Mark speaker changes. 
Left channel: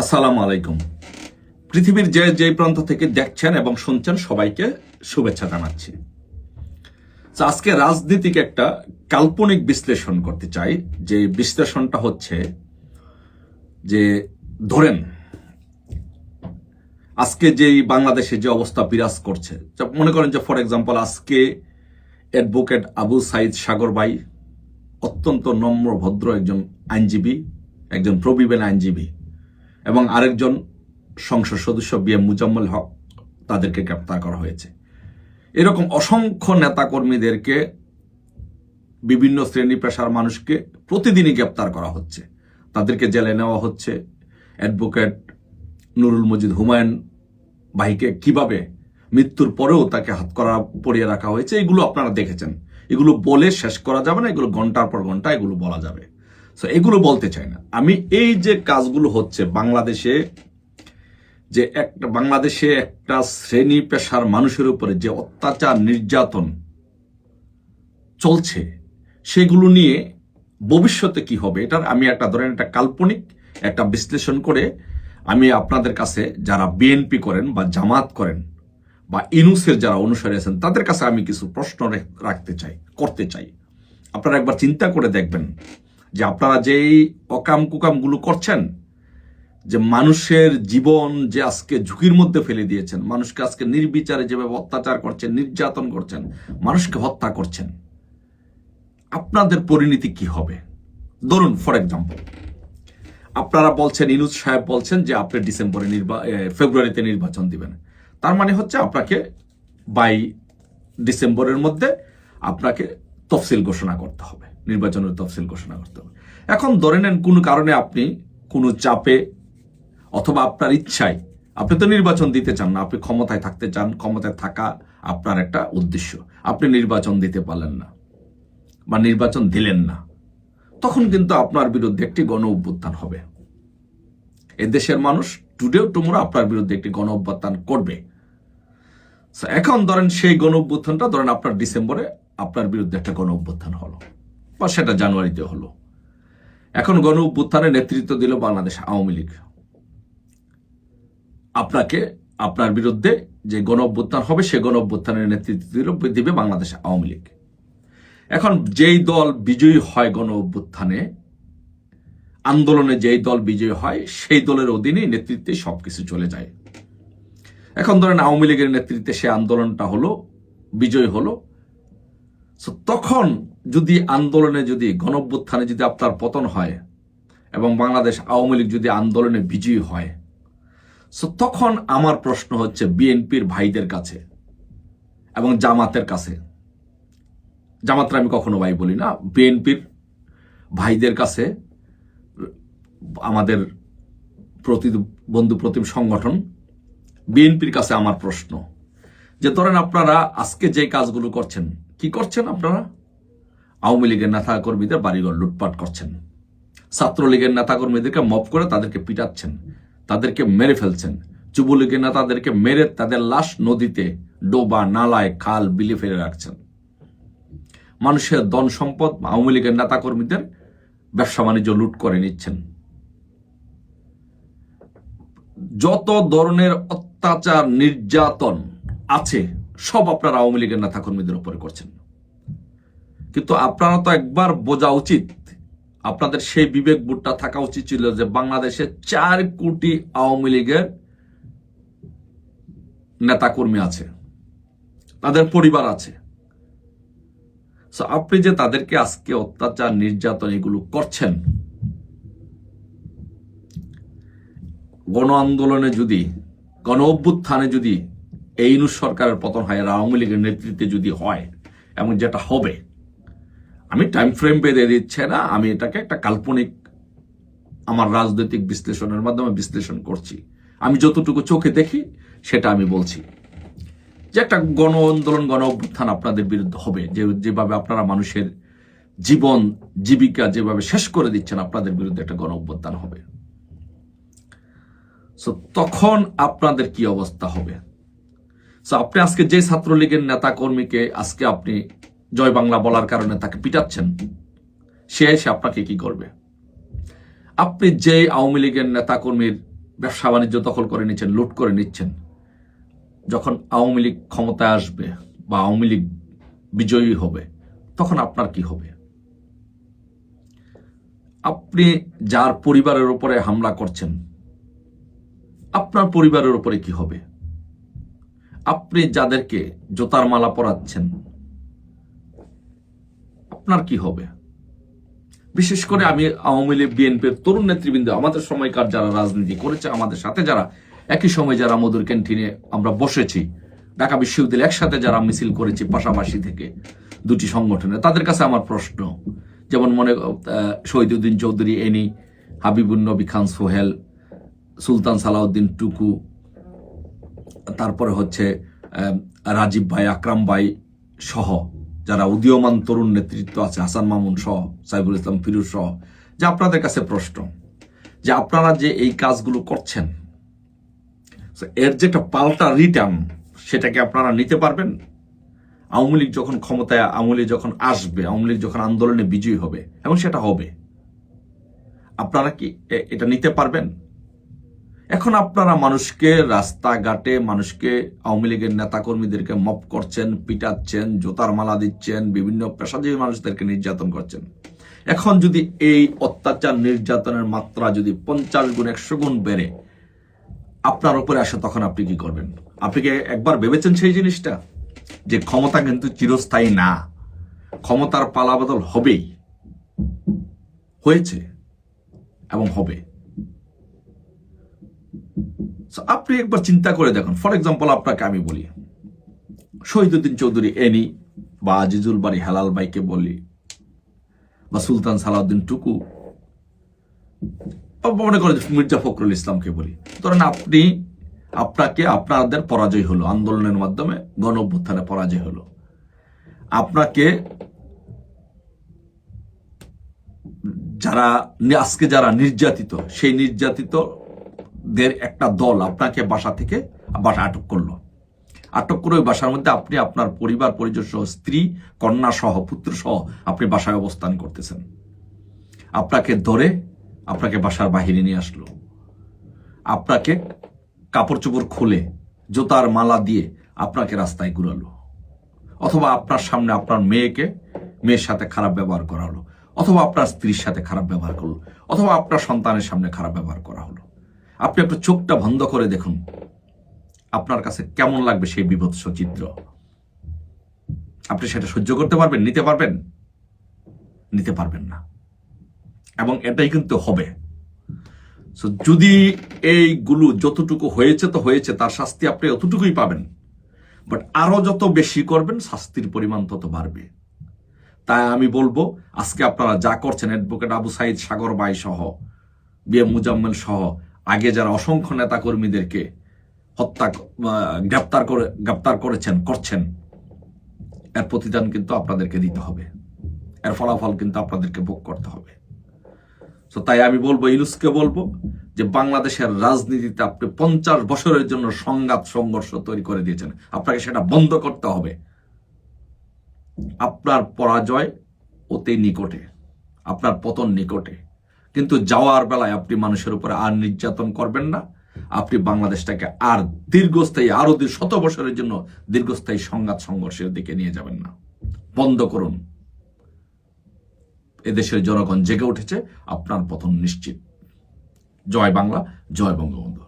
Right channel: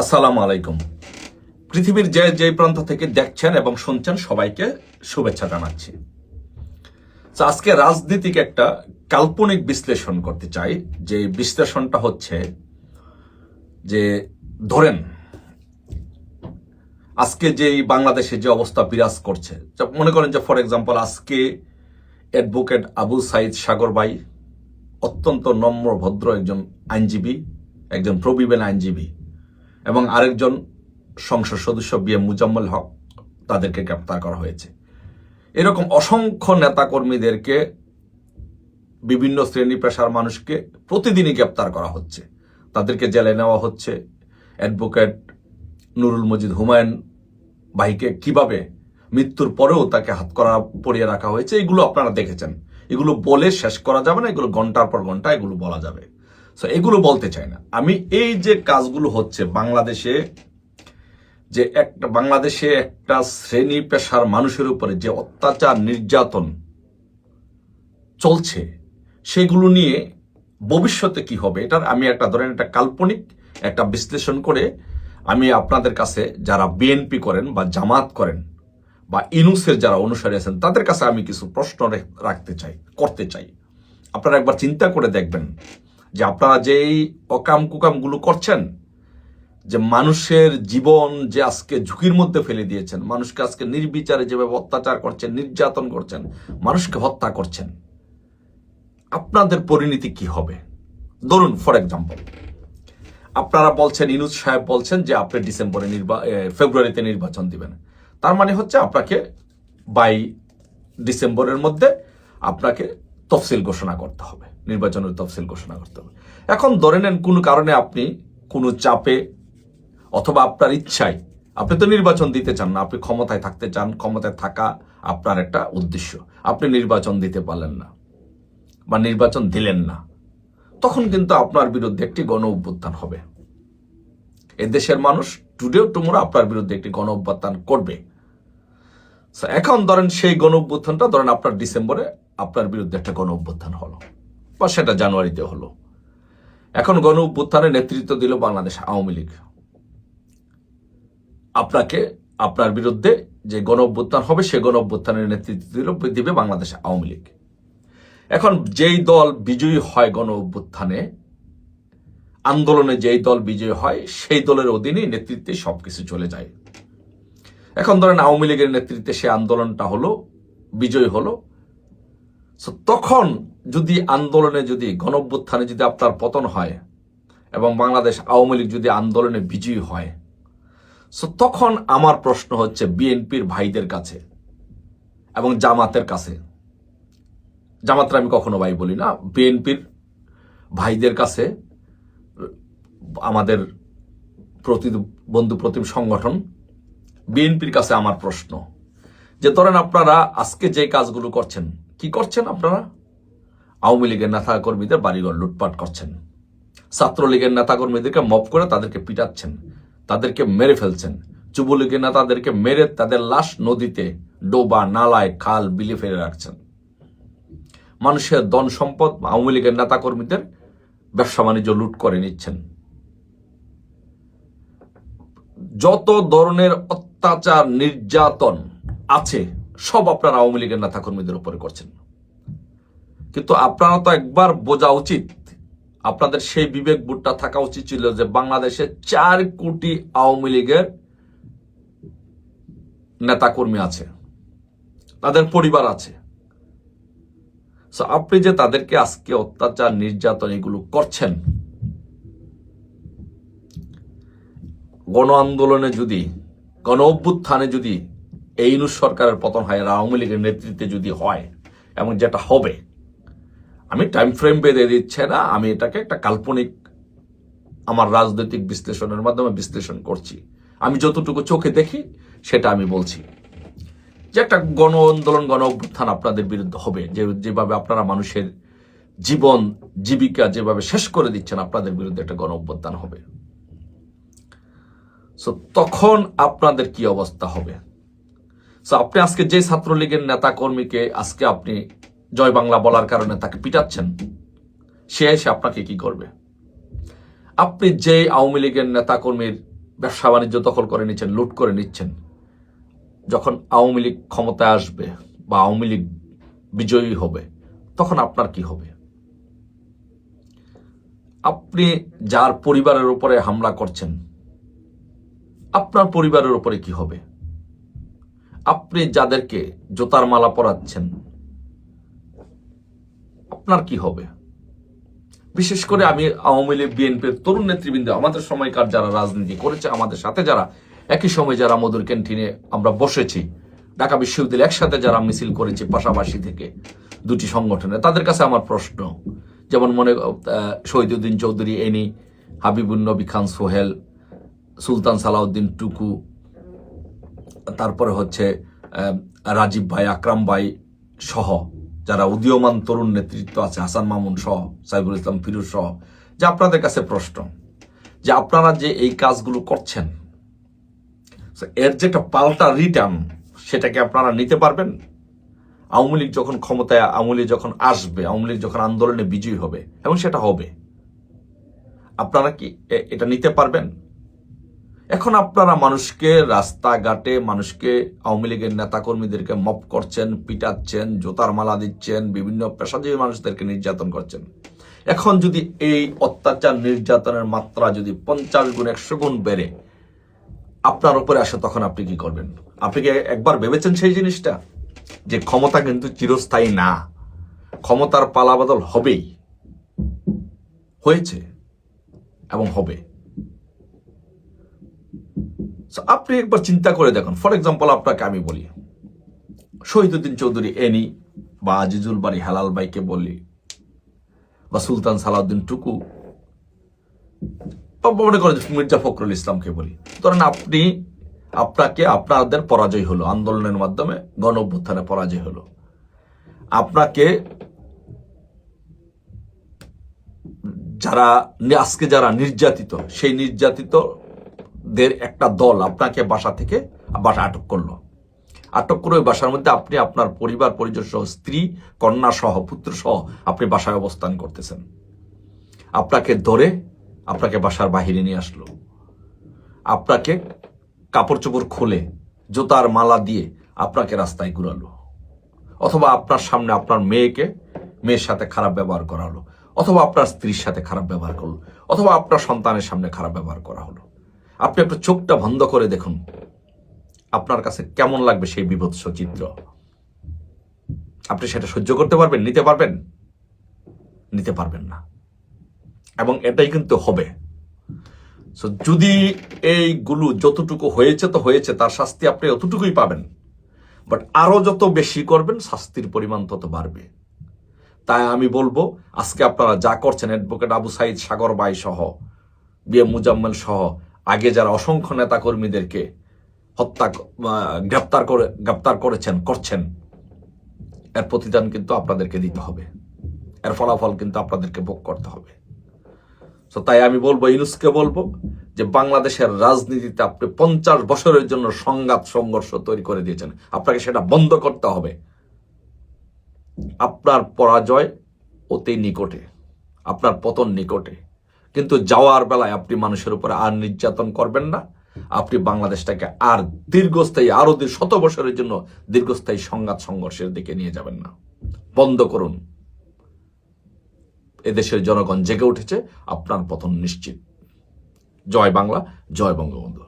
Speaker 1: আসসালামু আলাইকুম। পৃথিবীর যে যে প্রান্ত থেকে দেখছেন এবং শুনছেন, সবাইকে শুভেচ্ছা জানাচ্ছি। আজকে রাজনীতিক একটা কাল্পনিক বিশ্লেষণ করতে চাই। যে বিশ্লেষণটা হচ্ছে যে, ধরেন, আজকে যেই বাংলাদেশে যে অবস্থা বিরাজ করছে মনে করেন যে ফর এক্সাম্পল আজকে অ্যাডভোকেট আবু সাইদ সাগর ভাই অত্যন্ত নম্র, ভদ্র একজন আইনজীবী, একজন প্রবীণ আইনজীবী এবং আরেকজন সংসদ সদস্য বি এম মুজাম্মল হক তাদেরকে গ্রেপ্তার করা হয়েছে। এরকম অসংখ্য নেতাকর্মীদেরকে, বিভিন্ন শ্রেণি পেশার মানুষকে প্রতিদিনই গ্রেপ্তার করা হচ্ছে। তাদেরকে জেলে নেওয়া হচ্ছে। অ্যাডভোকেট নুরুল মজিদ হুমায়ুন ভাইকে কীভাবে মৃত্যুর পরেও তাকে হাত করা পরিয়ে রাখা হয়েছে, এগুলো আপনারা দেখেছেন। এগুলো বলে শেষ করা যাবে না, এগুলো ঘণ্টার পর ঘণ্টা এগুলো বলা যাবে। সো এগুলো বলতে চাই না। আমি এই যে কাজগুলো হচ্ছে বাংলাদেশে, যে একটা, বাংলাদেশে একটা শ্রেণি পেশার মানুষের উপরে যে অত্যাচার, নির্যাতন চলছে, সেগুলো নিয়ে ভবিষ্যতে কি হবে, এটার আমি একটা ধরেন একটা কাল্পনিক একটা বিশ্লেষণ করে আমি আপনাদের কাছে যারা বিএনপি করেন বা জামাত করেন বা ইনুসের যারা অনুসারী আছেন, তাদের কাছে আমি কিছু প্রশ্ন রাখতে চাই, করতে চাই। আপনারা একবার চিন্তা করে দেখবেন। যে আপনারা যেই অকাম কুকামগুলো করছেন, যে মানুষের জীবন যে আজকে ঝুঁকির মধ্যে ফেলে দিয়েছেন, মানুষকে আজকে নির্বিচারে যেভাবে অত্যাচার করছেন, নির্যাতন করছেন, মানুষকে হত্যা করছেন, আপনাদের পরিণতি কি হবে? ধরুন ফর এক্সাম্পল আপনারা বলছেন ইনুজ সাহেব বলছেন যে আপনি ডিসেম্বরে নির্বা ফেব্রুয়ারিতে নির্বাচন দিবেন। তার মানে হচ্ছে আপনাকে বাই ডিসেম্বরের মধ্যে আপনাকে তফসিল ঘোষণা করতে হবে। নির্বাচনের তফসিল ঘোষণা করতে হবে। এখন ধরে নেন কোনো কারণে আপনি কোনো চাপে অথবা আপনার ইচ্ছায় আপনি তো নির্বাচন দিতে চান না, আপনি ক্ষমতায় থাকতে চান, ক্ষমতায় থাকা আপনার একটা উদ্দেশ্য। আপনি নির্বাচন দিতে পারলেন না বা নির্বাচন দিলেন না, তখন কিন্তু আপনার বিরুদ্ধে একটি গণ অভ্যুত্থান হবে। এদেশের মানুষ টুডেও টুমোরো আপনার বিরুদ্ধে একটি গণ অভ্যুত্থান করবে। এখন ধরেন সেই গণ অভ্যুত্থানটা, ধরেন আপনার ডিসেম্বরে আপনার বিরুদ্ধে একটা গণ অভ্যুত্থান হলো। বা সেটা জানুয়ারিতে হলো। এখন গণ অভ্যুত্থানের নেতৃত্ব দিল বাংলাদেশ আওয়ামী লীগ। আপনাকে, আপনার বিরুদ্ধে যে গণ অভ্যুত্থান হবে, সে গণ অভ্যুত্থানের নেতৃত্ব দিল, দিবে বাংলাদেশ আওয়ামী লীগ। এখন যেই দল বিজয়ী হয় গণ অভ্যুত্থানে, আন্দোলনে যেই দল বিজয়ী হয়, সেই দলের অধীনে নেতৃত্বে সবকিছু চলে যায়। এখন ধরেন আওয়ামী লীগের নেতৃত্বে সে আন্দোলনটা হলো, বিজয় হলো তখন যদি আন্দোলনে যদি গণঅভ্যুত্থানে যদি আপনার পতন হয় এবং বাংলাদেশ আওয়ামী লীগ যদি আন্দোলনে বিজয়ী হয় সো তখন আমার প্রশ্ন হচ্ছে বিএনপির ভাইদের কাছে এবং জামাতের কাছে। জামাতরা আমি কখনো ভাই বলি না, বিএনপির ভাইদের কাছে, আমাদের প্রতিবন্ধু প্রতিম সংগঠন, বিএনপির কাছে আমার প্রশ্ন। যে ধরেন আপনারা আজকে যে কাজগুলো করছেন করছেন আপনারা? আওয়ামী লীগের নেতা কর্মীদের বাড়িঘর লুটপাট করছেন। ছাত্রলীগের নেতা কর্মীদেরকে মপ করে তাদেরকে পিটাচ্ছেন, তাদেরকে মেরে ফেলছেন। যুবলীগের নেতাদেরকে মেরে তাদের লাশ নদীতে, ডোবা, নালায়, খাল, বিলে ফেলে রাখছেন। মানুষের ধন সম্পদ আওয়ামী লীগের নেতা কর্মীদের ব্যবসা বাণিজ্য লুট করে নিচ্ছেন। যত ধরনের অত্যাচার, নির্যাতন আছে সব আপনার আওয়ামী লীগের নেতা কর্মীদের উপরে করছেন। কিন্তু আপনারা তো একবার বোঝা উচিত, আপনাদের সেই বিবেক বুটটা থাকা উচিত ছিল যে বাংলাদেশে চার কোটি আওয়ামী লীগের নেতাকর্মী আছে, তাদের পরিবার আছে। আপনি যে তাদেরকে আজকে অত্যাচার, নির্যাতন এগুলো করছেন, গণ আন্দোলনে যদি, গণ অভ্যুত্থানে যদি এই ইউনুস সরকারের পতন হয় আওয়ামী লীগের নেতৃত্বে যদি হয় এবং যেটা হবে, আমি টাইম ফ্রেম বেঁধে দিচ্ছে না, আমি এটাকে একটা কাল্পনিক আমার রাজনৈতিক বিশ্লেষণের মাধ্যমে বিশ্লেষণ করছি। আমি যতটুকু চোখে দেখি, সেটা আমি বলছি। যে একটা গণ আন্দোলন, গণ অভ্যুত্থান আপনাদের বিরুদ্ধে হবে, যে যেভাবে আপনারা মানুষের জীবন, জীবিকা যেভাবে শেষ করে দিচ্ছেন, আপনাদের বিরুদ্ধে একটা গণ অভ্যুত্থান হবে। সো তখন আপনাদের কি অবস্থা হবে? সো আপনি আজকে যে ছাত্রলীগের নেতা কর্মীকে আজকে আপনি জয় বাংলা বলার কারণে তাকে পিটাচ্ছেন, সে এসে আপনাকে কি করবে? আপনি যে আওয়ামী লীগের নেতা কর্মীর ব্যবসা বাণিজ্য দখল করে নিচ্ছেন, লুট করে নিচ্ছেন, যখন আওয়ামী লীগ ক্ষমতায় আসবে বা আওয়ামী লীগ বিজয়ী হবে, তখন আপনার কি হবে? আপনি যার পরিবারের উপরে হামলা করছেন, আপনার পরিবারের উপরে কি হবে? আপনি যাদেরকে জোতার মালা পরাচ্ছেন, আপনার কি হবে? বিশেষ করে আমি আওয়ামী লীগ বিএনপির তরুণ নেতৃবৃন্দ, আমাদের সময়কার যারা রাজনীতি করেছে, আমাদের সাথে যারা, একই সময় যারা মধুর ক্যান্টিনে আমরা বসেছি, ঢাকা বিশ্ববিদ্যালয়ে একসাথে যারা মিছিল করেছি পাশাপাশি থেকে দুটি সংগঠনে, তাদের কাছে আমার প্রশ্ন, যেমন মনে শহীদুদ্দিন চৌধুরী, এনি হাবিবুল নবী খান সোহেল, সুলতান সালাউদ্দিন টুকু তারপরে হচ্ছে রাজীব ভাই, আকরাম ভাই সহ যারা উদীয়মান তরুণ নেতৃত্ব আছে, হাসান মামুন সহ, সাইফুল ইসলাম ফিরুজ সহ, যে আপনাদের কাছে প্রশ্ন, যে আপনারা যে এই কাজগুলো করছেন এর যে একটা পাল্টা রিটার্ন সেটাকে আপনারা নিতে পারবেন? আওয়ামী লীগ যখন ক্ষমতায়, আওয়ামী লীগ যখন আসবে, আওয়ামী লীগ যখন আন্দোলনে বিজয়ী হবে, এবং সেটা হবে, আপনারা কি এটা নিতে পারবেন? এখন আপনারা মানুষকে রাস্তাঘাটে মানুষকে আওয়ামী লীগের নেতাকর্মীদেরকে মপ করছেন, পিটাচ্ছেন, জোতার মালা দিচ্ছেন, বিভিন্ন পেশাজীবী মানুষদেরকে নির্যাতন করছেন। এখন যদি এই অত্যাচার নির্যাতনের মাত্রা যদি পঞ্চাশ গুণ, একশো গুণ বেড়ে, আপনার উপরে আসে তখন আপনি কি করবেন? আপনি কি একবার ভেবেছেন সেই জিনিসটা? যে ক্ষমতা কিন্তু চিরস্থায়ী না। ক্ষমতার পালাবদল হবেই। হয়েছে এবং হবে। So, আপনি একবার চিন্তা করে দেখুন। ফর এক্সাম্পল আপনাকে আমি বলি শহীদুদ্দিন চৌধুরী এনি বা আজিজুল বাড়ি হেলাল ভাইকে বলি বা সুলতান সালাউদ্দিন টুকু মনে করে মির্জা ফখরুল ইসলামকে বলি। ধরেন আপনি আপনাকে আপনাদের পরাজয় হলো আন্দোলনের মাধ্যমে গণ অভ্যুত্থানে পরাজয় হলো। আপনাকে যারা আজকে যারা নির্যাতিত সেই নির্যাতিতদের একটা দল আপনাকে বাসা থেকে বাসা আটক করল। আটক করে ওই বাসার মধ্যে আপনি আপনার পরিবার, পরিজন সহ, স্ত্রী, কন্যা সহ, পুত্র সহ আপনি বাসায় অবস্থান করতেছেন। আপনাকে ধরে আপনাকে বাসার বাহিরে নিয়ে আসলো। আপনাকে কাপড় চোপড় খুলে জুতার মালা দিয়ে আপনাকে রাস্তায় ঘুরালো। অথবা আপনার সামনে আপনার মেয়েকে, মেয়ের সাথে খারাপ ব্যবহার করা হলো। অথবা আপনার স্ত্রীর সাথে খারাপ ব্যবহার করল। অথবা আপনার সন্তানের সামনে খারাপ ব্যবহার করা হলো। আপনি একটু চোখটা বন্ধ করে দেখুন। আপনার কাছে কেমন লাগবে সেই বিভৎস চিত্র? আপনি সেটা সহ্য করতে পারবেন নিতে পারবেন? নিতে পারবেন না। এবং এটাই কিন্তু হবে। So, যদি এইগুলো যতটুকু হয়েছে তো হয়েছে তার শাস্তি আপনি অতটুকুই পাবেন। বাট আরও যত বেশি করবেন শাস্তির পরিমাণ তত বাড়বে। তাই আমি বলব আজকে আপনারা যা করছেন অ্যাডভোকেট আবু সাইদ সাগর বাই সহ বিএম মুজাম্মেল সহ আগে যারা অসংখ্য নেতা কর্মীদেরকে হত্যা গ্রেপ্তার করে, গ্রেপ্তার করেছেন, করছেন, এর প্রতিদান কিন্তু আপনাদেরকে দিতে হবে। এর ফলাফল কিন্তু আপনাদেরকে ভোগ করতে হবে। তো তাই আমি বলব ইনুসকে বলব যে বাংলাদেশের রাজনীতিতে আপনি পঞ্চাশ বছরের জন্য সংঘাত, সংঘর্ষ তৈরি করে দিয়েছেন। আপনাকে সেটা বন্ধ করতে হবে। আপনার পরাজয় অতি নিকটে, আপনার পতন নিকটে। কিন্তু যাওয়ার বেলায় আপনি মানুষের উপরে আর নির্যাতন করবেন না। আপনি বাংলাদেশটাকে আর দীর্ঘস্থায়ী, আরও দীর- শত বছরের জন্য দীর্ঘস্থায়ী সংঘাত সংঘর্ষের দিকে নিয়ে যাবেন না। বন্ধ করুন। এদেশের জনগণ জেগে উঠেছে। আপনার পতন নিশ্চিত। জয় বাংলা, জয় বঙ্গবন্ধু।